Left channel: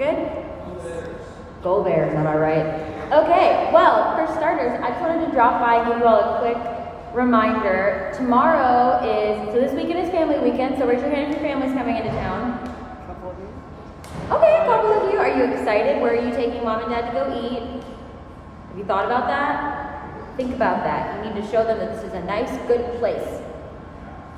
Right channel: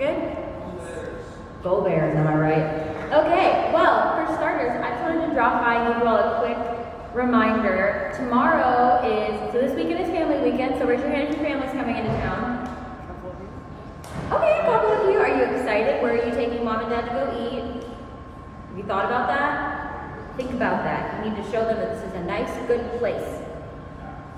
Good? Go Bears, am I right? Okay, well, for starters, I just wanted to drop by and give you all a quick reminder. Tomorrow so this weekend is family weekend, so raise your hand if your family's coming into town. Okay, a couple of you. Are you excited? Where are you taking mom and dad to go eat? Have you thought about that? Think about that. You need to show them that this is a nice, good place.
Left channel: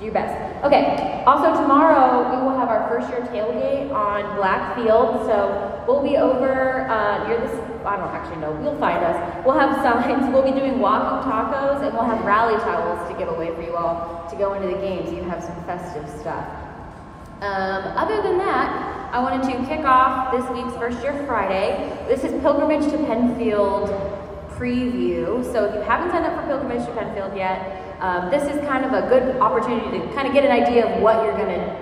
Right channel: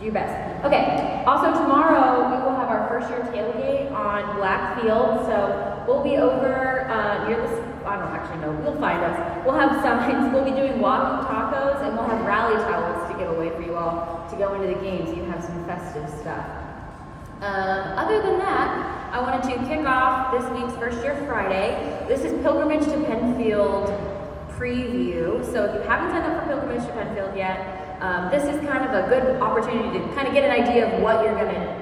Do your best. Okay, also tomorrow we will have our first year tailgate on Blackfield, so we'll be over near this, I don't actually know, you'll find us. We'll have signs, we'll be doing walking tacos, and we'll have rally towels to give away for you all to go into the games. You can have some festive stuff. Other than that, I wanted to kick off this week's First Year Friday. This is Pilgrimage to Penfield preview, so if you haven't signed up for Pilgrimage to Penfield yet, this is kind of a good opportunity to kind of get an idea of what you're going to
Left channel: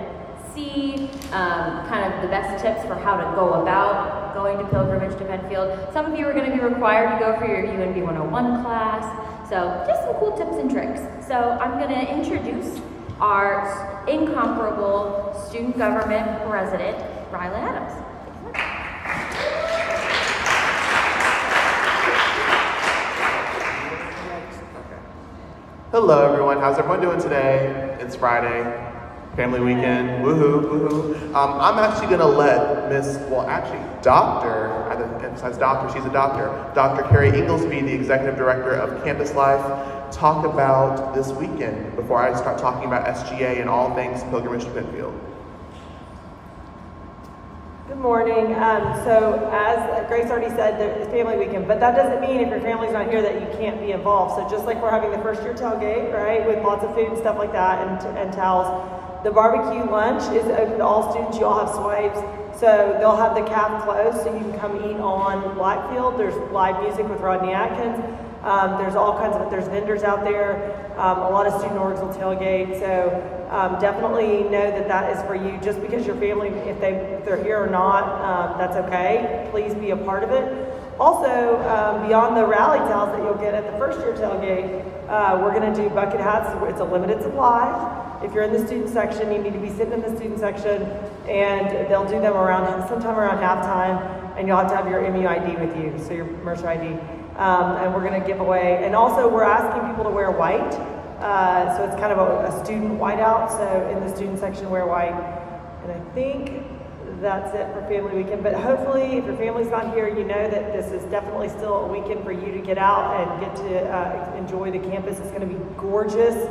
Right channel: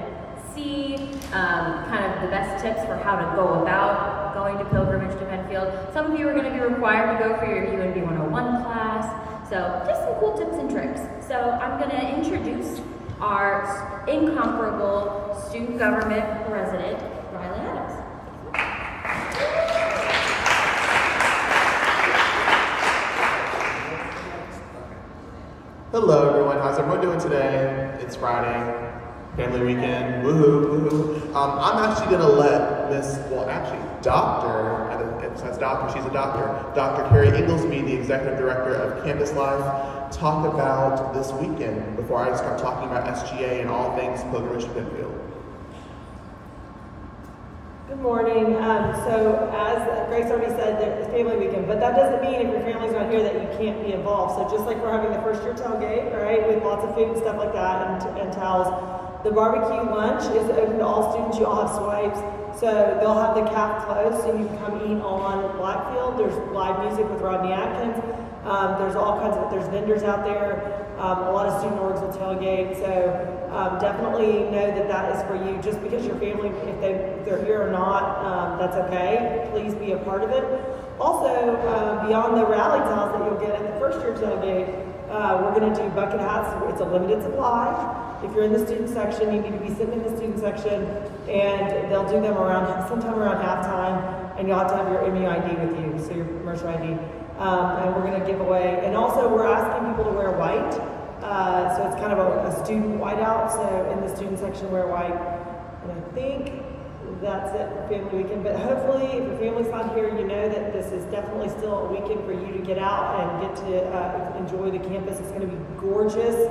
see, kind of the best tips for how to go about going to Pilgrimage to Penfield. Some of you are going to be required to go for your UNB 101 class, so just some cool tips and tricks. So I'm going to introduce our incomparable student government president, Rylan Adams. Hello everyone, how's everyone doing today? It's Friday, family weekend, woohoo, woohoo. I'm actually gonna let Dr., I didn't emphasize doctor, she's a doctor, Dr. Carrie Inglesby, the Executive Director of Campus Life, talk about this weekend before I start talking about SGA and all things Pilgrimage to Penfield. Good morning. So as Grace already said, it's family weekend, but that doesn't mean if your family's not here that you can't be involved. So just like we're having the first year tailgate, right, with lots of food and stuff like that and towels, the barbecue lunch is open to all students. You all have swipes. So they'll have the caf closed so you can come eat on Blackfield. There's live music with Rodney Atkins. There's all kinds of, there's vendors out there. A lot of student orgs will tailgate. So definitely know that that is for you. Just because your family, if they're here or not, that's okay. Please be a part of it. Also, beyond the rally towels that you'll get at the first year tailgate, we're going to do bucket hats. It's a limited supply. If you're in the student section, you need to be sitting in the student section, and they'll do them sometime around halftime, and you'll have to have your MUID with you, so your Mercer ID. And we're going to give away, and also we're asking people to wear white. So it's kind of a student whiteout, so in the student section wear white. And I think that's it for family weekend, but hopefully if your family's not here, you know that this is definitely still a weekend for you to get out and get to enjoy the campus. It's going to be gorgeous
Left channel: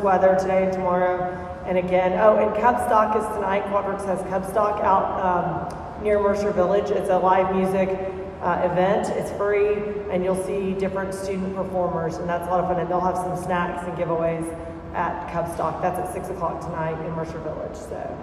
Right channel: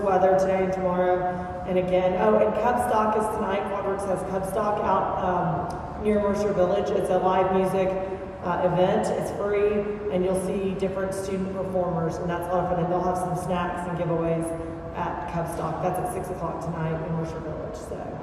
weather today and tomorrow. And again, and Cub Stock is tonight. Quadrix has Cub Stock out near Mercer Village. It's a live music event. It's free, and you'll see different student performers, and that's a lot of fun. And they'll have some snacks and giveaways at Cub Stock. That's at 6 o'clock tonight in Mercer Village. So.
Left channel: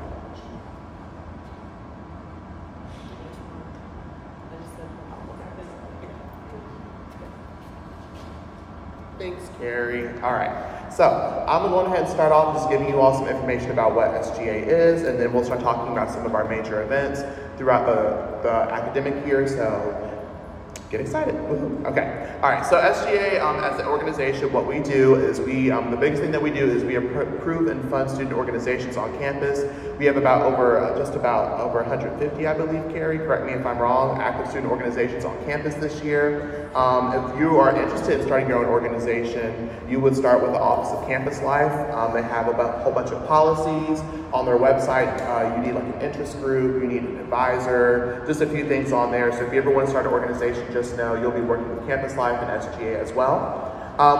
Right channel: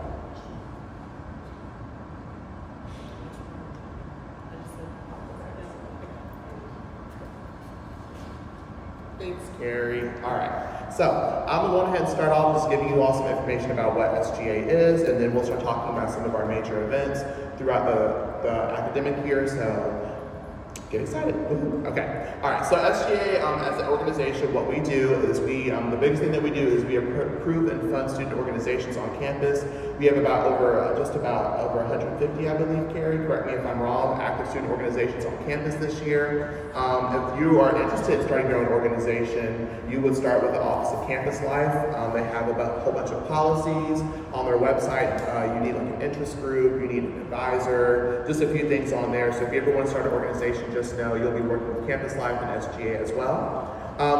Thanks, Carrie. All right, so I'm going to go ahead and start off just giving you all some information about what SGA is, and then we'll start talking about some of our major events throughout the academic year, so get excited. Okay, all right, so SGA as an organization, what we do is the biggest thing that we do is we approve and fund student organizations on campus. We have just about over 150, I believe, Carrie, correct me if I'm wrong, active student organizations on campus this year. If you are interested in starting your own organization, you would start with the Office of Campus Life. They have a whole bunch of policies on their website. You need like an interest group, you need an advisor, just a few things on there. So if you ever want to start an organization, just know you'll be working with Campus Life and SGA as well.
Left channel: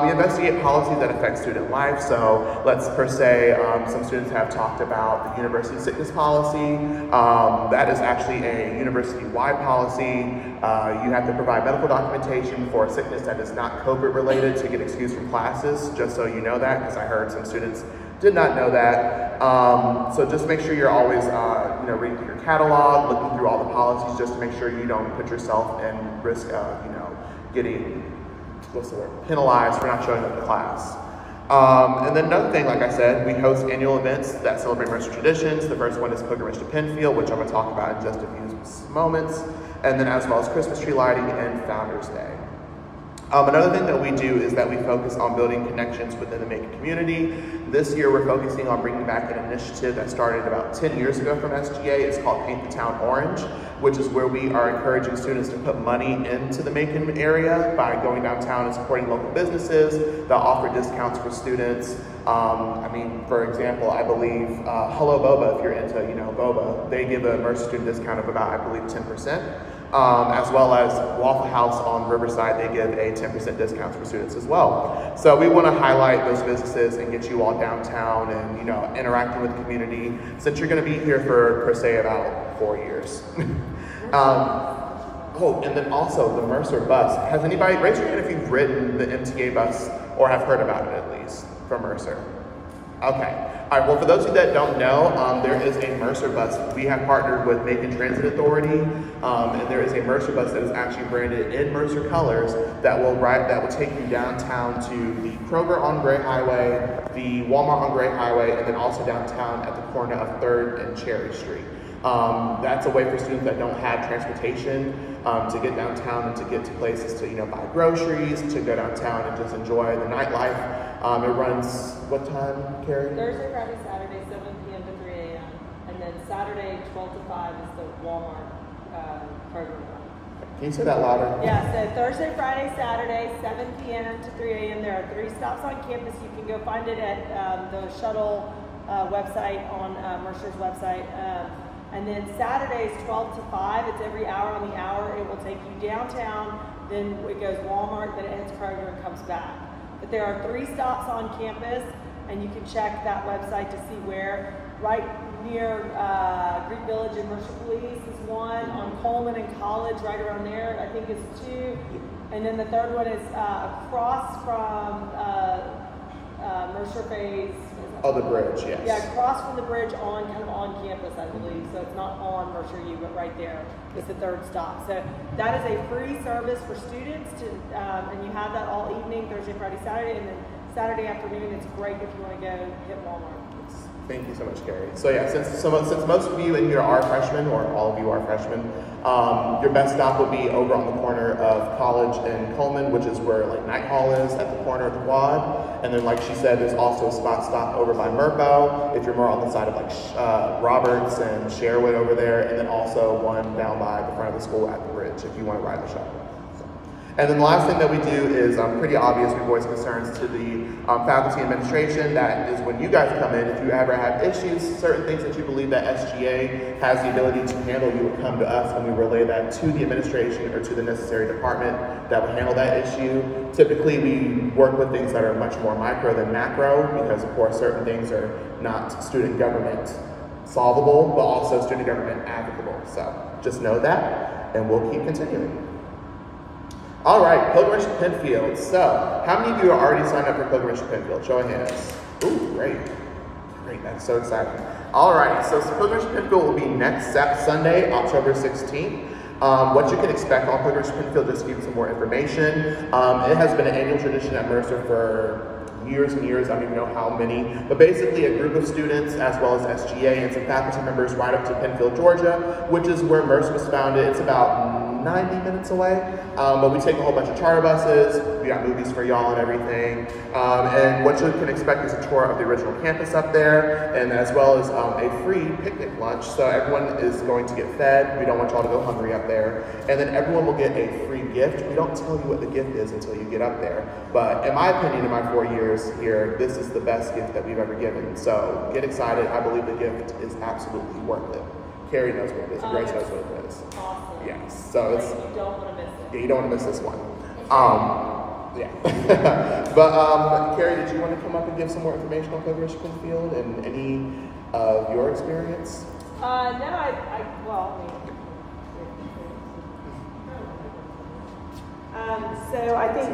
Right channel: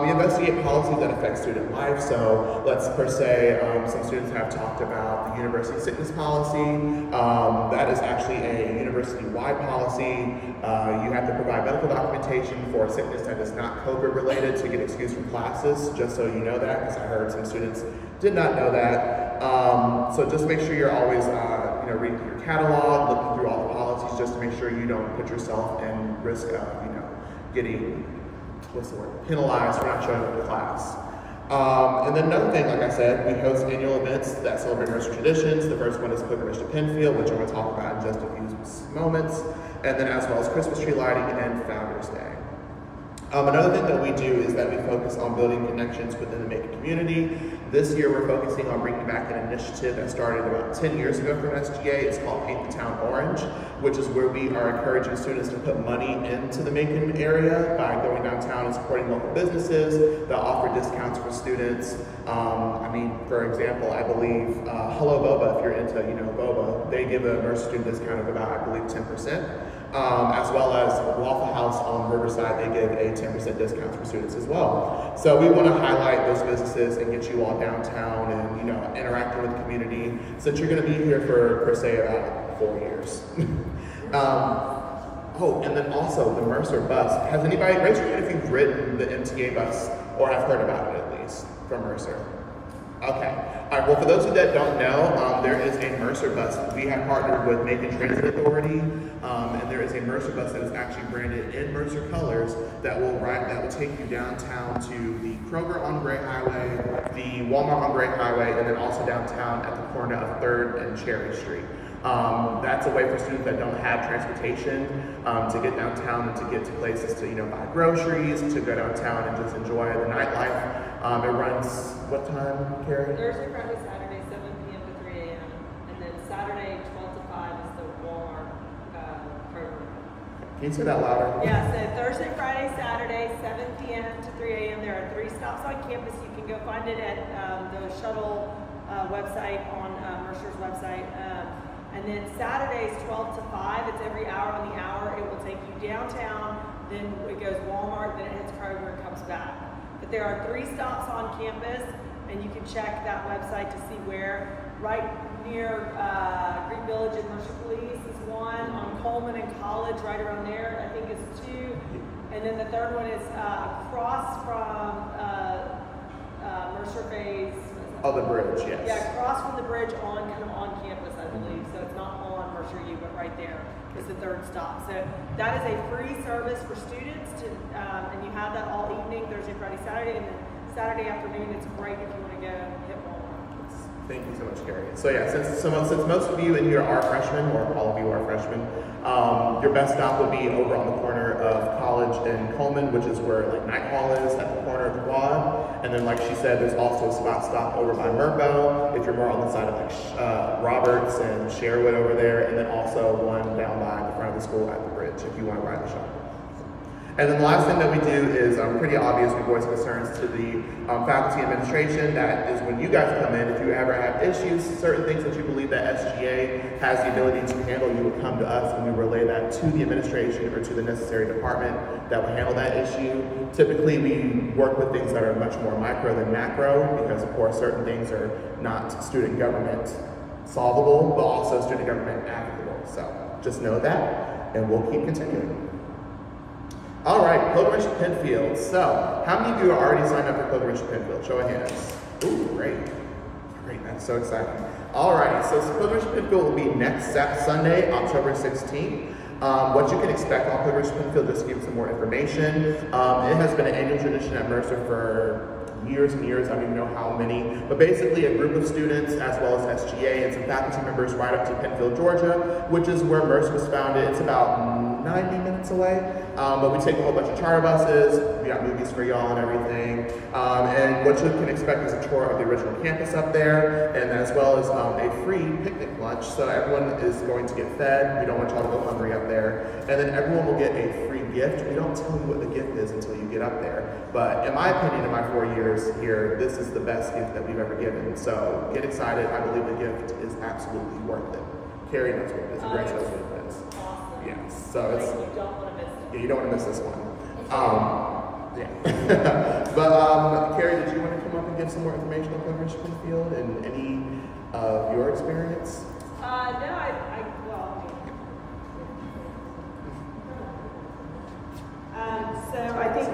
We investigate policies that affect student life. So let's per se, some students have talked about the university sickness policy. That is actually a university-wide policy. You have to provide medical documentation for a sickness that is not COVID related to get excused from classes, just so you know that, because I heard some students did not know that. So just make sure you're always reading through your catalog, looking through all the policies, just to make sure you don't put yourself in risk of getting penalized for not showing up to class. And then another thing, like I said, we host annual events that celebrate Mercer traditions. The first one is Pilgrimage to Penfield, which I'm going to talk about in just a few moments, and then as well as Christmas tree lighting and Founders Day. Another thing that we do is that we focus on building connections within the Macon community. This year we're focusing on bringing back an initiative that started about 10 years ago from SGA. It's called Paint the Town Orange, which is where we are encouraging students to put money into the Macon area by going downtown and supporting local businesses that offer discounts for students. I mean, for example, I believe Hello Boba, if you're into boba, they give a Mercer student discount of about, I believe, 10%. As well as Waffle House on Riverside, they give a 10% discount for students as well. So we want to highlight those businesses and get you all downtown and interacting with the community, since you're going to be here for per se about 4 years. Oh, and then also the Mercer bus. Has anybody, raise your hand if you've ridden the MTA bus or have heard about it at least from Mercer. Okay. All right. Well, for those of you that don't know, there is a Mercer bus. We have partnered with Macon Transit Authority, and there is a Mercer bus that is actually branded in Mercer colors that will take you downtown to the Kroger on Gray Highway, the Walmart on Gray Highway, and then also downtown at the corner of 3rd and Cherry Street. That's a way for students that don't have transportation to get downtown and to get to places to buy groceries, to go downtown and just enjoy the nightlife. It runs what time, Carrie? Thursday, Friday, Saturday, 7 p.m. to 3 a.m. And then Saturday, 12 to 5 is the Walmart program. Can you say that louder? Yeah, so Thursday, Friday, Saturday, 7 p.m. to 3 a.m. There are 3 stops on campus. You can go find it at the shuttle website on Mercer's website. And then Saturdays, 12 to 5, it's every hour on the hour. It will take you downtown, then it goes Walmart, then it hits Kroger and comes back. But there are 3 stops on campus, and you can check that website to see where. Right near Green Village and Mercer Police is one, on Coleman and College, right around there, I think is 2. And then the third one is across from Mercer Bay's. Oh, the bridge, yes. Yeah, across from the bridge on campus, I believe. So it's not on Mercer U, but right there is the 3rd stop. So that is a free service for students, and you have that all evening, Thursday, Friday, Saturday, and then Saturday afternoon it's great if you want to go hit Walmart. Thank you so much, Carrie. So yeah, since most of you in here are freshmen, or all of you are freshmen, your best stop would be over on the corner of College and Coleman, which is where Night Hall is, at the corner of the quad. And then, like she said, there's also a spot stop over by Murpo, if you're more on the side of Roberts and Sherwood over there, and then also one down by the front of the school at the bridge if you want to ride the shuttle. And then the last thing that we do is pretty obvious. We voice concerns to the faculty administration. That is when you guys come in, if you ever have issues, certain things that you believe that SGA has the ability to handle, you would come to us and we relay that to the administration or to the necessary department that will handle that issue. Typically, we work with things that are much more micro than macro, because of course certain things are not student government solvable, but also student government applicable. So just know that, and we'll keep continuing. All right, Pilgrimage to Penfield. So, how many of you are already signed up for Pilgrimage to Penfield? Show of hands. Ooh, great. Great, that's so exciting. All right, so Pilgrimage to Penfield will be next Sunday, October 16th. What you can expect on Pilgrimage to Penfield, just to give you some more information. It has been an annual tradition at Mercer for years and years, I don't even know how many, but basically a group of students as well as SGA and some faculty members ride up to Penfield, Georgia, which is where Mercer was founded. It's about 90 minutes away, but we take a whole bunch of charter buses, we got movies for y'all and everything, and what you can expect is a tour of the original campus up there, and as well as a free picnic lunch, so everyone is going to get fed. We don't want y'all to go hungry up there, and then everyone will get a free gift. We don't tell you what the gift is until you get up there, but in my opinion, in my 4 years here, this is the best gift that we've ever given, so get excited. I believe the gift is absolutely worth it. Carrie knows what it is, Grace knows what it is. Yes, so it's, you don't want to miss this one. Yeah. But Carrie, did you want to come up and give some more information on Pilgrimage to Penfield and any of your experience? So I think,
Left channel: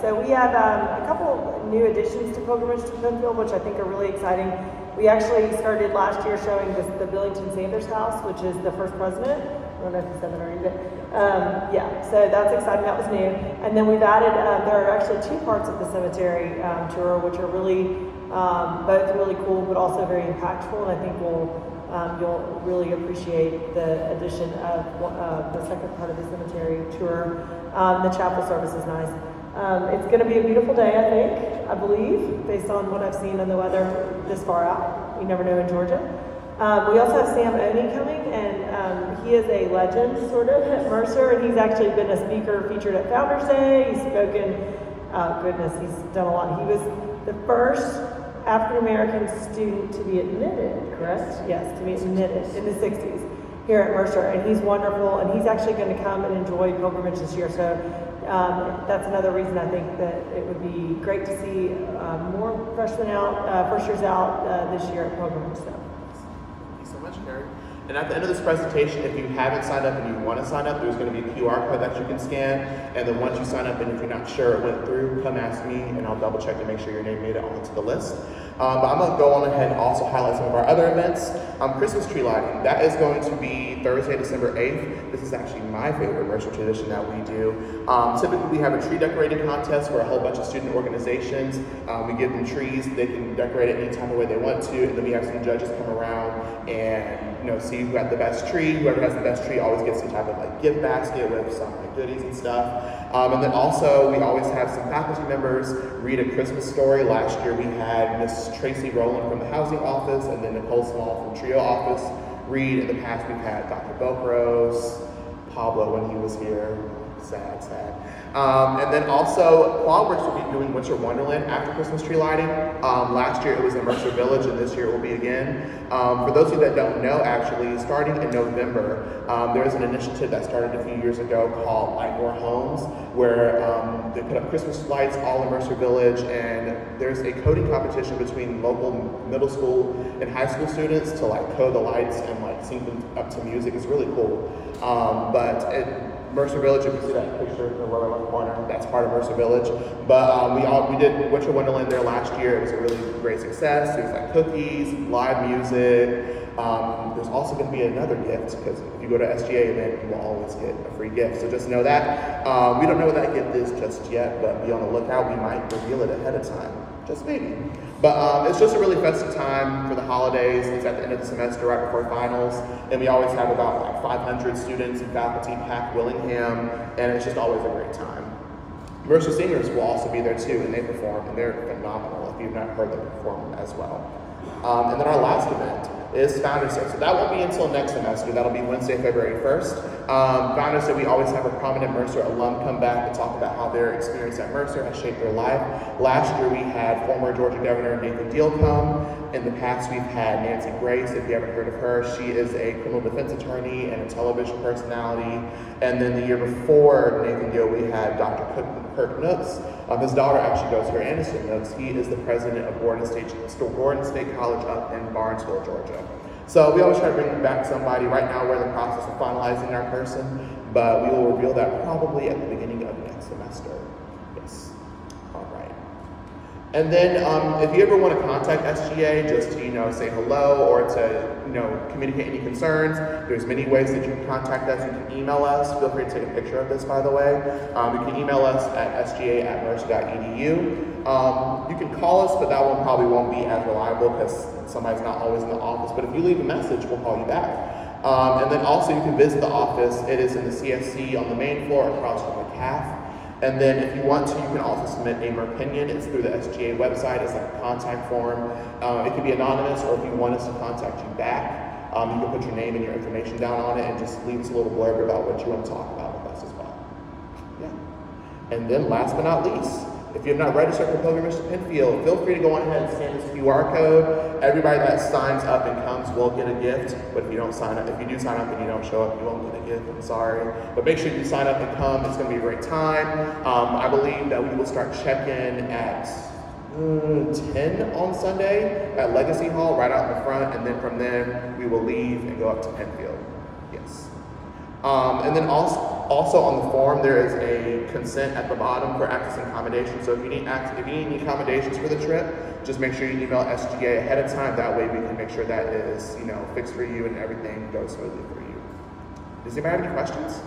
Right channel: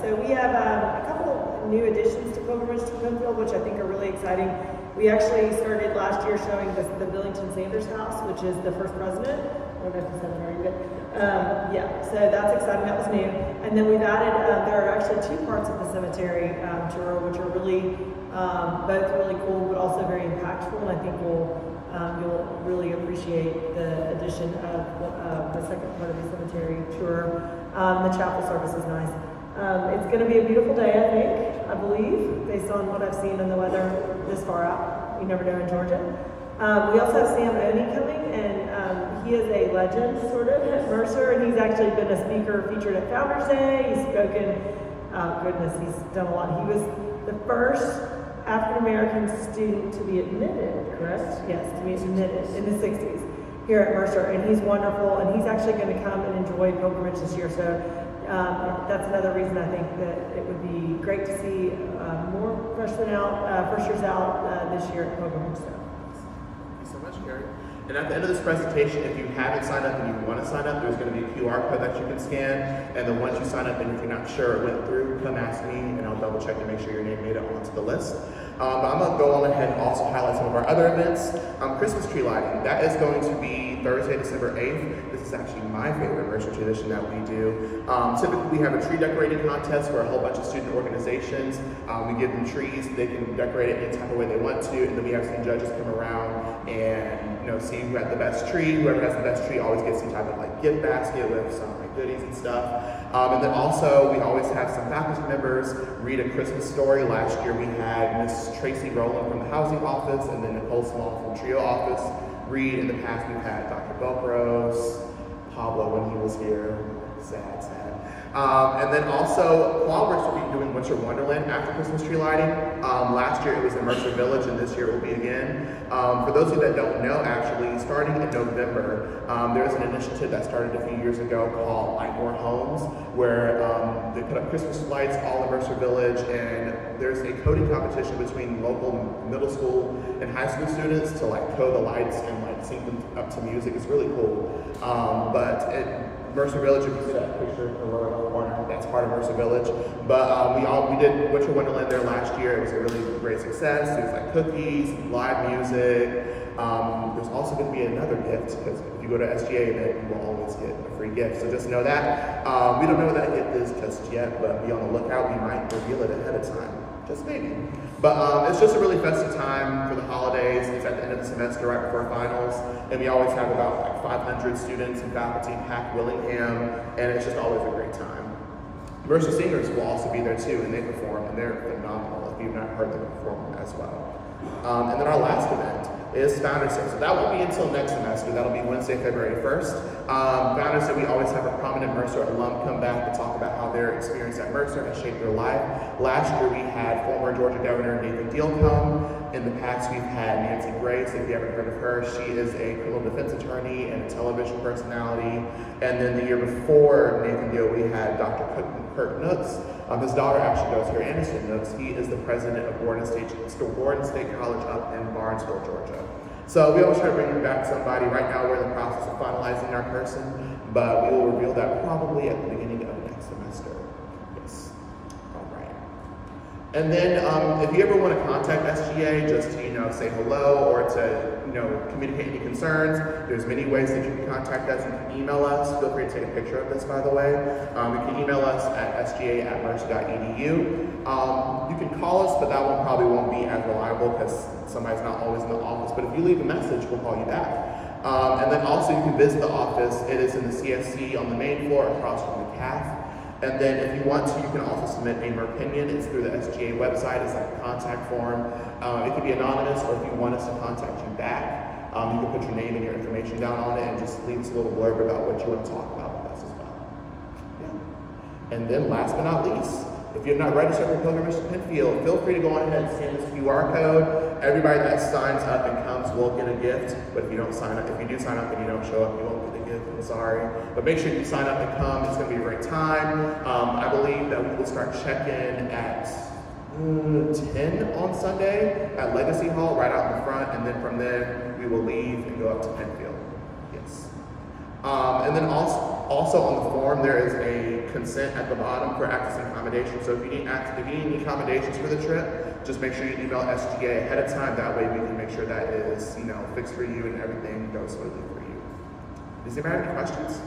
so we have a couple new additions to Pilgrimage to Penfield, which I think are really exciting. We actually started last year showing the Billington Sanders House, which is the first president. I don't know if you said it already, but so that's exciting. That was new. And then we've added, there are actually 2 parts of the cemetery tour, which are really, both really cool, but also very impactful. And I think you'll really appreciate the addition of the second part of the cemetery tour. The chapel service is nice. It's going to be a beautiful day, I believe, based on what I've seen in the weather this far out. You never know in Georgia. We also have Sam Oney coming, and he is a legend, sort of, at Mercer, and he's actually been a speaker featured at Founders Day. He's spoken, he's done a lot. He was the first African-American student to be admitted, correct? Yes, to be admitted in the 60s here at Mercer, and he's wonderful, and he's actually going to come and enjoy pilgrimage this year, so that's another reason I think that it would be great to see more freshmen out, first years out this year at pilgrimage. So. Thank you so much, Carrie. And at the end of this presentation, if you haven't signed up and you want to sign up, there's going to be a QR code that you can scan. And then once you sign up, and if you're not sure it went through, come ask me, and I'll double check to make sure your name made it onto the list. But I'm going to go on ahead and also highlight some of our other events. Christmas tree lighting. That is going to be Thursday, December 8th. This is actually my favorite Mercer tradition that we do. Typically, we have a tree decorating contest for a whole bunch of student organizations. We give them trees. They can decorate it any type of way they want to. And then we have some judges come around and see who had the best tree. Whoever has the best tree always gets some type of gift basket with some goodies and stuff. And then also we always have some faculty members read a Christmas story. Last year we had Miss Tracy Rowland from the housing office, and then Nicole Small from Trio office read. In the past we've had Dr. Bokros, Pablo when he was here. Sad. And then also, Qualworks will be doing Winter Wonderland after Christmas tree lighting. Last year it was in Mercer Village, and this year it will be again. For those of you that don't know, actually, starting in November, there's an initiative that started a few years ago called Light More Homes, where they put up Christmas lights all in Mercer Village, and there's a coding competition between local middle school and high school students to code the lights and sync them up to music. It's really cool. Mercer Village, if you see that picture in the lower left corner, that's part of Mercer Village. But we did Winter Wonderland there last year. It was a really great success. There's cookies, live music. There's also going to be another gift, because if you go to SGA event, you will always get a free gift. So just know that. We don't know what that gift is just yet, but be on the lookout. We might reveal it ahead of time. Just maybe. But it's just a really festive time for the holidays. It's at the end of the semester, right before finals. And we always have about 500 students and faculty pack Willingham, and it's just always a great time. Mercer singers will also be there too, and they perform, and they're phenomenal if you've not heard them perform as well. And then our last event is Founders Day. So that won't be until next semester. That'll be Wednesday, February 1st. Founders Day, we always have a prominent Mercer alum come back to talk about how their experience at Mercer has shaped their life. Last year we had former Georgia Governor Nathan Deal come. In the past we've had Nancy Grace, if you haven't heard of her. She is a criminal defense attorney and a television personality. And then the year before Nathan Deal, we had Dr. Kirk Nooks. His daughter actually goes here, Anderson Nooks. He is the president of Gordon State College up in Barnesville, Georgia. So we always try to bring back somebody. Right now we're in the process of finalizing our person, but we will reveal that probably at the beginning of next semester. Yes. All right. And then if you ever want to contact SGA just to, say hello or to, communicate any concerns, there's many ways that you can contact us. You can email us. Feel free to take a picture of this, by the way. You can email us at sga@mercer.edu. You can call us, but that one probably won't be as reliable because somebody's not always in the office. But if you leave a message, we'll call you back. And then also you can visit the office. It is in the CSC on the main floor across from the CAF. And then if you want to, you can also submit a opinion. It's through the SGA website. It's like a contact form. It can be anonymous, or if you want us to contact you back, you can put your name and your information down on it and just leave us a little blurb about what you want to talk about with us as well. Yeah. And then last but not least, if you have not registered for pilgrimage to Penfield, feel free to go on ahead and scan this QR code. Everybody that signs up and comes will get a gift, but if you do sign up and you don't show up, you won't get a gift. I'm sorry. But make sure you sign up and come. It's going to be a great time. I believe that we will start check-in at 10 on Sunday at Legacy Hall, right out in the front, and then from there we will leave and go up to Penfield. Yes. And then also on the form, there is a consent at the bottom for access and accommodation. So if you need any accommodations for the trip, just make sure you email SGA ahead of time. That way we can make sure that is, fixed for you and everything goes smoothly for you. Does anybody have any questions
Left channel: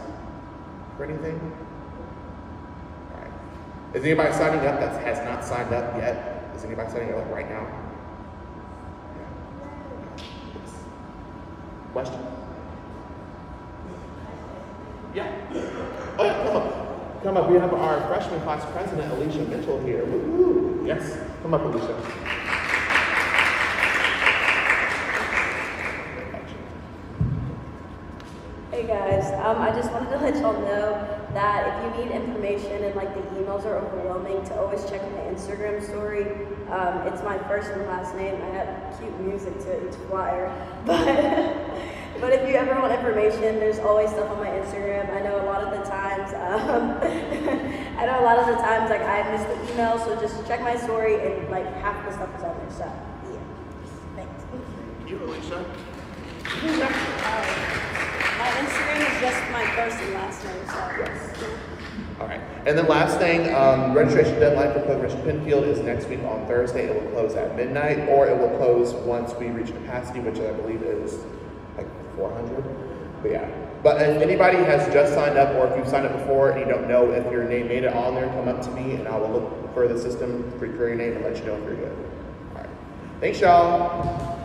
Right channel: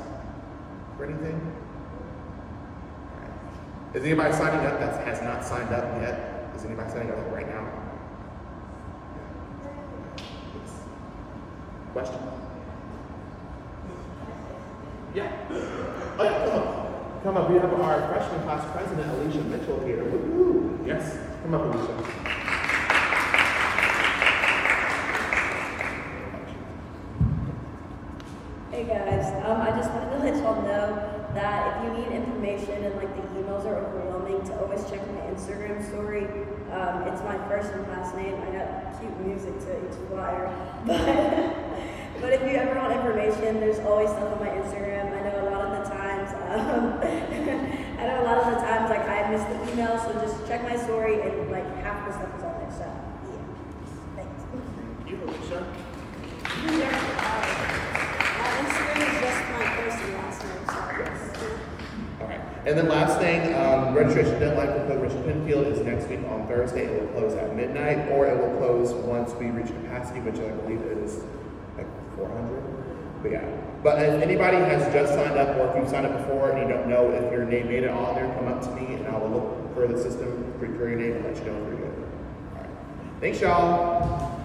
or anything? All right. Is anybody signing up that has not signed up yet? Is anybody signing up right now? Question? Yeah. Oh, yeah, come up. Come up. We have our freshman class president, Alicia Mitchell, here. Woo-hoo. Yes. Come up, Alicia. Hey guys, I just wanted to let y'all know that if you need information and like the emails are overwhelming, to always check my Instagram story. It's my first and last name. I have cute music to each flyer, but if you ever want information, there's always stuff on my Instagram. I know a lot of the times, like I miss the email, so just check my story and like half the stuff is on there. So yeah, thanks. Thank you, Alicia. My Instagram is just my first and last name, so. All right. And then last thing, registration deadline for Pilgrimage Penfield is next week on Thursday. It will close at midnight, or it will close once we reach capacity, which I believe is like 400. But yeah. But if anybody has just signed up, or if you've signed up before and you don't know if your name made it on there, come up to me and I will look for the system for your name and let you know if you're good. All right. Thanks, y'all.